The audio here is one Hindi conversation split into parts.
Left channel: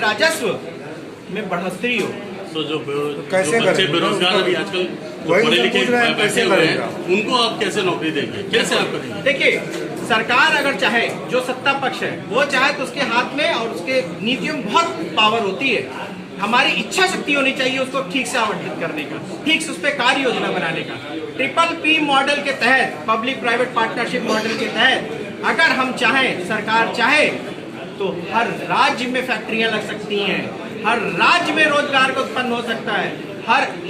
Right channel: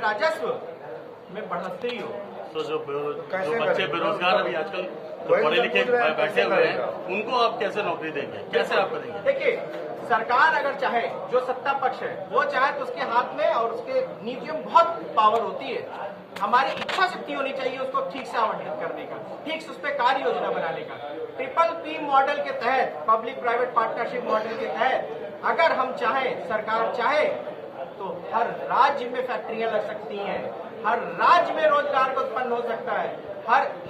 राजस्व में बढ़ोतरी हो। तो जो बच्चे बेरोजगार अभी आजकल पढ़े लिखे बैठे हुए हैं, उनको आप कैसे नौकरी देंगे, कैसे आप करेंगे? देखिए, सरकार अगर चाहे, जो सत्ता पक्ष है वो चाहे तो उसके हाथ में और उसके नीतियों में बहुत पावर होती है। हमारी इच्छा शक्ति होनी चाहिए उसको ठीक से आवंटित करने का, ठीक से उस पर कार्य योजना बनाने का। PPP मॉडल के तहत, पब्लिक प्राइवेट पार्टनरशिप मॉडल के तहत अगर हम चाहें, सरकार चाहे, तो हर राज्य में फैक्ट्रियां लग सकती हैं, हर राज्य में रोजगार को उत्पन्न हो सकता है,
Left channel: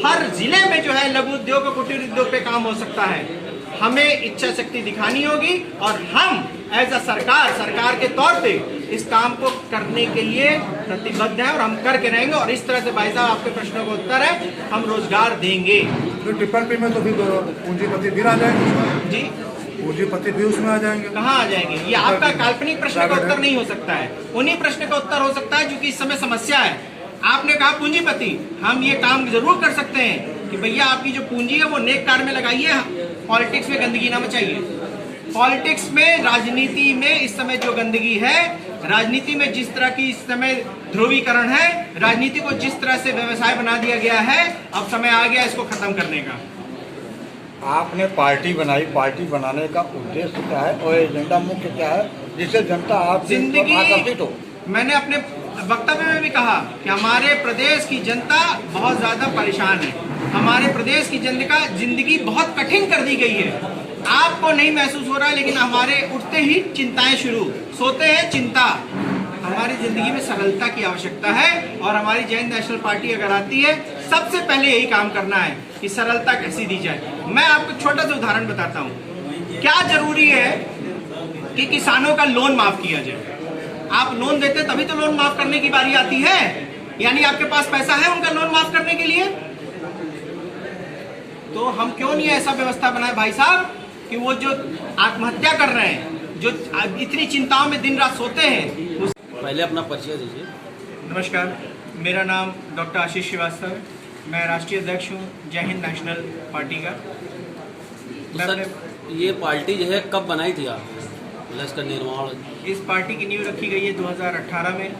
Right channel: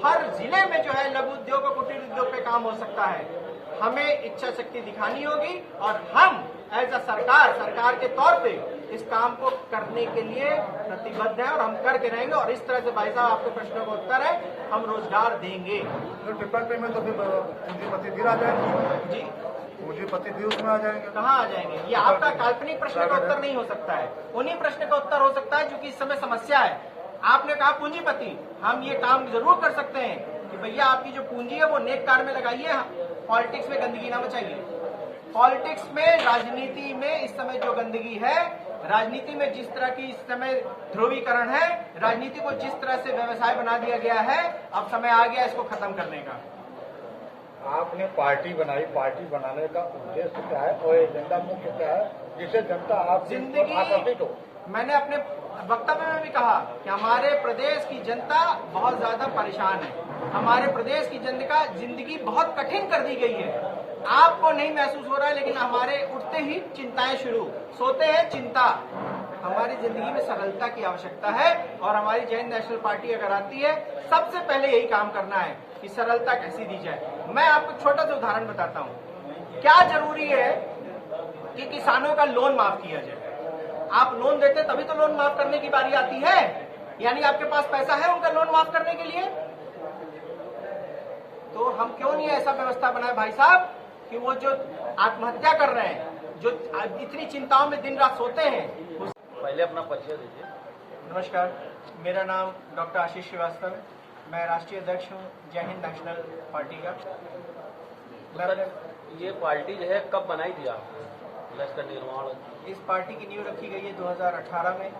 हर जिले में जो है लघु उद्योग और कुटीर उद्योग पे काम हो सकता है। हमें इच्छा शक्ति दिखानी होगी और हम एज अ सरकार के तौर पे इस काम को करने के लिए प्रतिबद्ध हैं और हम करके रहेंगे। और इस तरह से भाई साहब, आपके प्रश्नों का उत्तर है, हम रोजगार देंगे। PPP में तो भी पूंजीपति भी आ जाएंगे जी, पूंजीपति भी उसमें आ जाएंगे। कहाँ आ जाएंगे? ये आपका काल्पनिक प्रश्न का उत्तर नहीं हो सकता है, उन्हीं प्रश्न का उत्तर हो सकता है जो कि इस समय समस्या है। आपने कहा पूंजीपति, हम ये काम जरूर कर सकते हैं कि भैया आपकी जो पूंजी है वो नेक कार्य में लगाइए, पॉलिटिक्स में गंदगी ना मचाइए। पॉलिटिक्स में, राजनीति में इस समय जो गंदगी है, राजनीति में जिस तरह की इस समय ध्रुवीकरण है, राजनीति को जिस तरह से व्यवसाय बना दिया गया है, अब समय आ गया इसको खत्म करने का। आपने पार्टी बनाई, पार्टी बनाने का उद्देश्य क्या है और एजेंडा मुख्य क्या है, जिससे जनता आप जिंदगी, आकर्षित हो? मैंने अपने वक्तव्य में भी कहा कि हमारे प्रदेश की जनता बहुत ज्यादा परेशान है, हमारे प्रदेश की जनता जिंदगी बहुत कठिन कर दी गई है। आपको नहीं महसूस हो रहा है, लेकिन हमारे उठते ही चिंताएं शुरू, सोते हैं चिंता। हमारी जिंदगी में सरलता की आवश्यकता है और हमारी जैन नेशनल पार्टी अगर आती है, सबसे पहले यही काम करना है कि सरलता कैसी दी जाए। मैं आपको छोटा सा उदाहरण बताता हूँ। क्या जरूरी है कि किसानों का लोन माफ किया जाए? आप लोन देते तभी तो लोन माफ करने की बारी आती है, यानी आपके पास पैसा है उनका लोन माफ करने के लिए। तो हम क्यों नहीं ऐसा व्यवस्था बनाए भाई साहब कि वो जो आत्महत्या कर रहे हैं, जो इतनी चिंताओं में दिन रात सोते हैं। पहले अपना परिचय दीजिए। नमस्कार, मेरा नाम डॉक्टर आशीष श्रीवास्तव है, मैं राष्ट्रीय अध्यक्ष हूँ जय हिंद नेशनल पार्टी का। सर, ये पार्टी जो है कब बनाई थी आप, इसका निर्माण? इस पार्टी की नींव रखी गई है 2018 में।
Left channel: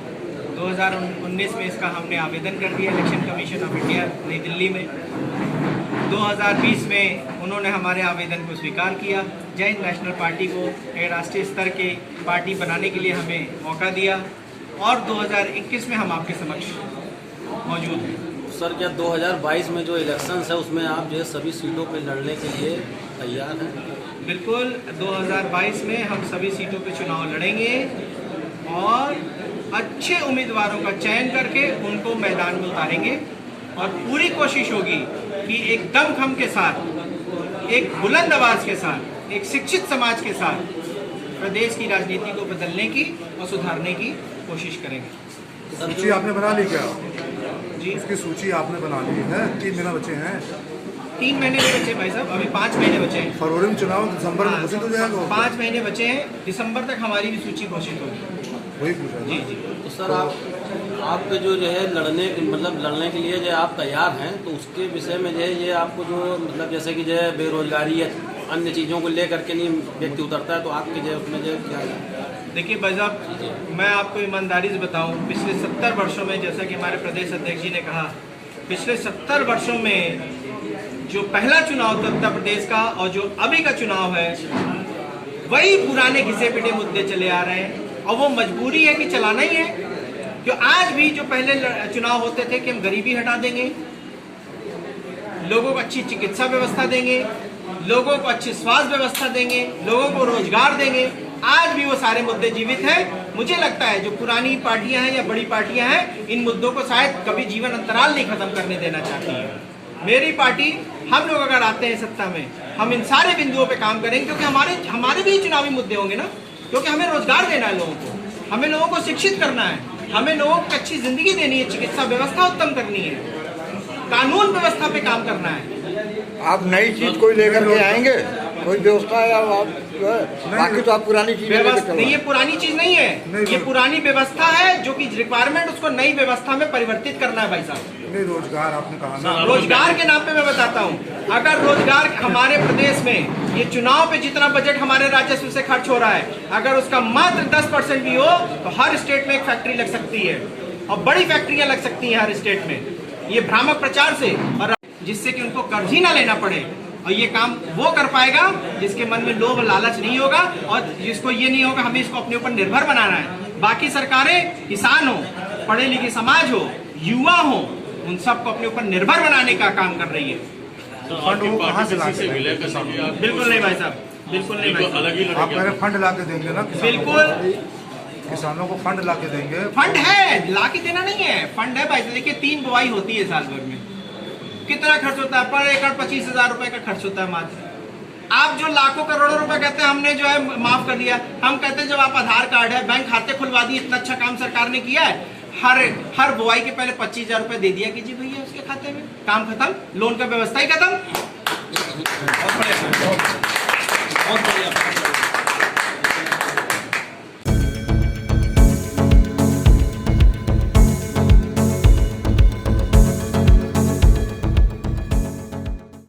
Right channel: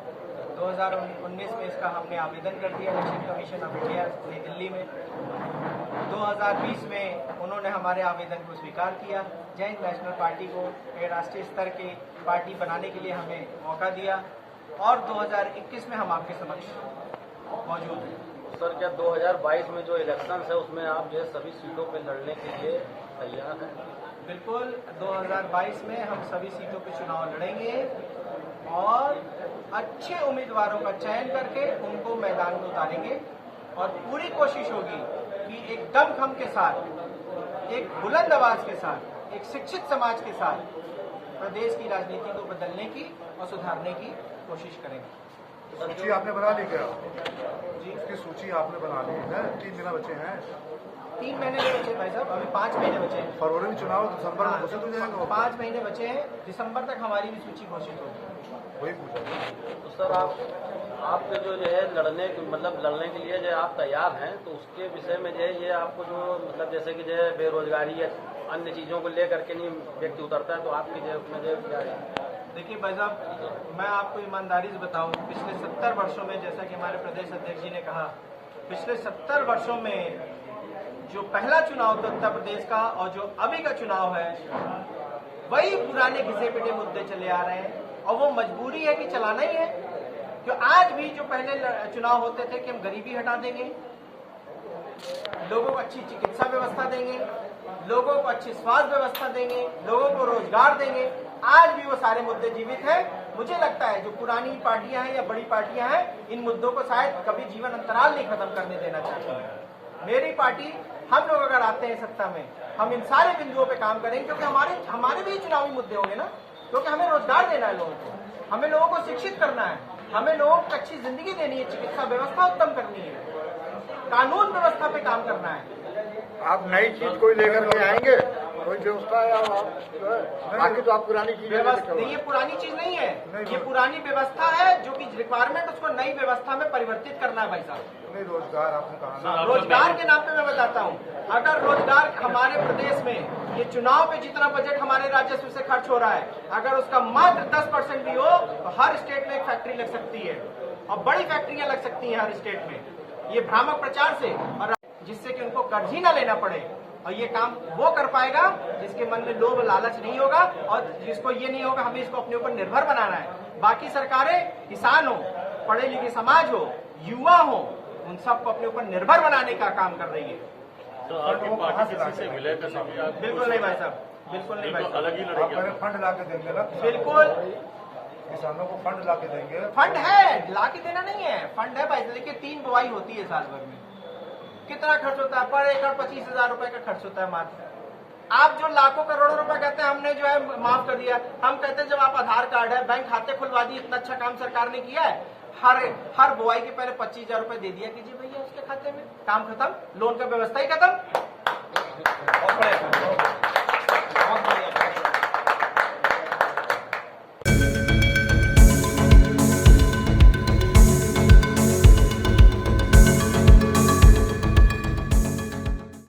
2019 में इसका हमने आवेदन कर दिया इलेक्शन कमीशन ऑफ इंडिया नई दिल्ली में। 2020 में उन्होंने हमारे आवेदन को स्वीकार किया, जय हिंद नेशनल पार्टी को एक राष्ट्रीय स्तर के पार्टी बनाने के लिए हमें मौका दिया और 2021 में हम आपके समक्ष मौजूद हैं। सर, क्या 2022 में जो इलेक्शंस है उसमें आप जो है सभी सीटों पे लड़ने के लिए तैयार हैं? बिल्कुल, 2022 में हम सभी सीटों पे चुनाव लड़ेंगे और अच्छे उम्मीदवारों का चयन करके उनको मैदान में उतारेंगे और पूरी कोशिश होगी कि एक दमखम के साथ, एक बुलंद आवाज के साथ, एक शिक्षित समाज के साथ प्रदेश की राजनीति को बदलने की और सुधारने की कोशिश करेंगे। सूची आपने बना ली क्या? जी, उसकी सूची आपने बना ली है? 3 महीना बचे हैं, 3 महीने भी बचे भाई साहब, अभी 5 महीने बचे हैं। फरवरी में चुनाव, दिसंबर में घोषित हो जाएगा। 5 महीने बचे हैं, दिसंबर तक हमारी भी सूची घोषित होगी। वही पूछा। जी जी। तो सर, आपके जो है लड़ने के लिए जो आप तैयार हैं, तो उसके विषय में जो है ये आपको जो जैसे कि जो है बेरोजगारी या अन्य चीज़ों को लेकर के नहीं व्यक्ति उतरता है, तो आपके जो उसमें जो क्या है? देखिए भाई साहब, मैं आपको ईमानदारी से बताऊं, पिछले 70 वर्षों में, जैसा कि हमारे प्रदेश अध्यक्ष जी ने कहा, पिछले 70 वर्षों में जो पहला चुनाव था उत्तर प्रदेश का और जो अभी का चुनाव है, वही पुराने घिसे पिटे मुद्दे चले आ रहे हैं और वो मजबूरी है कि चलाना ही है। क्यों आज भी जो पहले चुनाव होते थे कि हम गरीबी हटा देंगे, लोगों को अच्छी चिकित्सा व्यवस्था देंगे, लोगों को अच्छी स्वास्थ्य व्यवस्था देंगे, लोगों को रोजगार देंगे, आज भी वो सारे मुद्दे जीवित हैं। मुझे लगता है जो पुरानी पार्टियां हैं या बड़ी पार्टियां हैं, इन मुद्दों को शायद कभी जीवन अंतराल नहीं खत्म करने देना चाहती है। मेरी पार्टी, हम लोग अगर आते हैं सत्ता में, हम इन सारे बिंदुओं पे काम करेंगे, क्योंकि हमारे भी चुनावी मुद्दे होंगे ना, क्योंकि हमें रोजगार देना है लोगों को, हमें लोगों को शिक्षित करना है, हमें लोगों को अच्छी जिंदगी देनी है, चिकित्सा व्यवस्था उत्तम करनी है, कानून व्यवस्था पे काम करना है। आप नई चीज कोई लेकर के आएंगे, कोई व्यवस्था है आप जो है, बाकी तो आप पुरानी चीज नहीं, ये पुरानी चीज नहीं है, ये पुरानी व्यवस्था है जो कि रिक्वायरमेंट, उसको नई व्यवस्था में परिवर्तित करना है भाई साहब। रोजगार आपने कहा ना, रोजगार के नाम पे मैं बताता हूँ, अगर रोजगार हमारे प्रदेश में, ये चुनाव पे जितना बजट हमारे राजस्व से खर्च हो रहा है, अगर उसका मात्र 10% भी हो तो हर स्टेट में एक फैक्ट्री लग सकती है और बड़ी फैक्ट्रियां लग सकती हैं हर स्टेट में, ये भ्रामक प्रचार से, और जिससे कि उनको कर्ज ही ना लेना पड़े। और ये काम वो कर पाएगा जिसके मन में लोभ लालच नहीं होगा और जिसको ये नहीं होगा हमें इसको अपने ऊपर निर्भर बनाना है। बाकी सरकारें किसान हो, पढ़े लिखे समाज हो, युवा हो, उन सबको अपने ऊपर निर्भर बनाने का काम कर रही है। तो आपकी पार्टी किसी से विलय कर सकती है? बिल्कुल नहीं भाई साहब, बिल्कुल नहीं भाई साहब। अलग ही आप पहले फंड ला के देंगे ना बिल्कुल, किसानों को फंड ला के देंगे। फंड है, ला के देना नहीं है, फंड है भाई। देखिए 3 बुआई होती है साल भर में, कितना खर्च होता है? पर एकड़ 25,000 रुपए का खर्च होता है मात्र। आप जो लाखों करोड़ों रुपए कहते हैं हमने जो है माफ कर दिया, हम कहते हैं जब आप आधार कार्ड है, बैंक खाते खुलवा दिए, इतना अच्छा काम सरकार ने किया है। हर बुआई के पहले 25,000 रुपए दे दिया कीजिए भैया उसके खाते में, काम खत्म, लोन का व्यवस्था ही खत्म।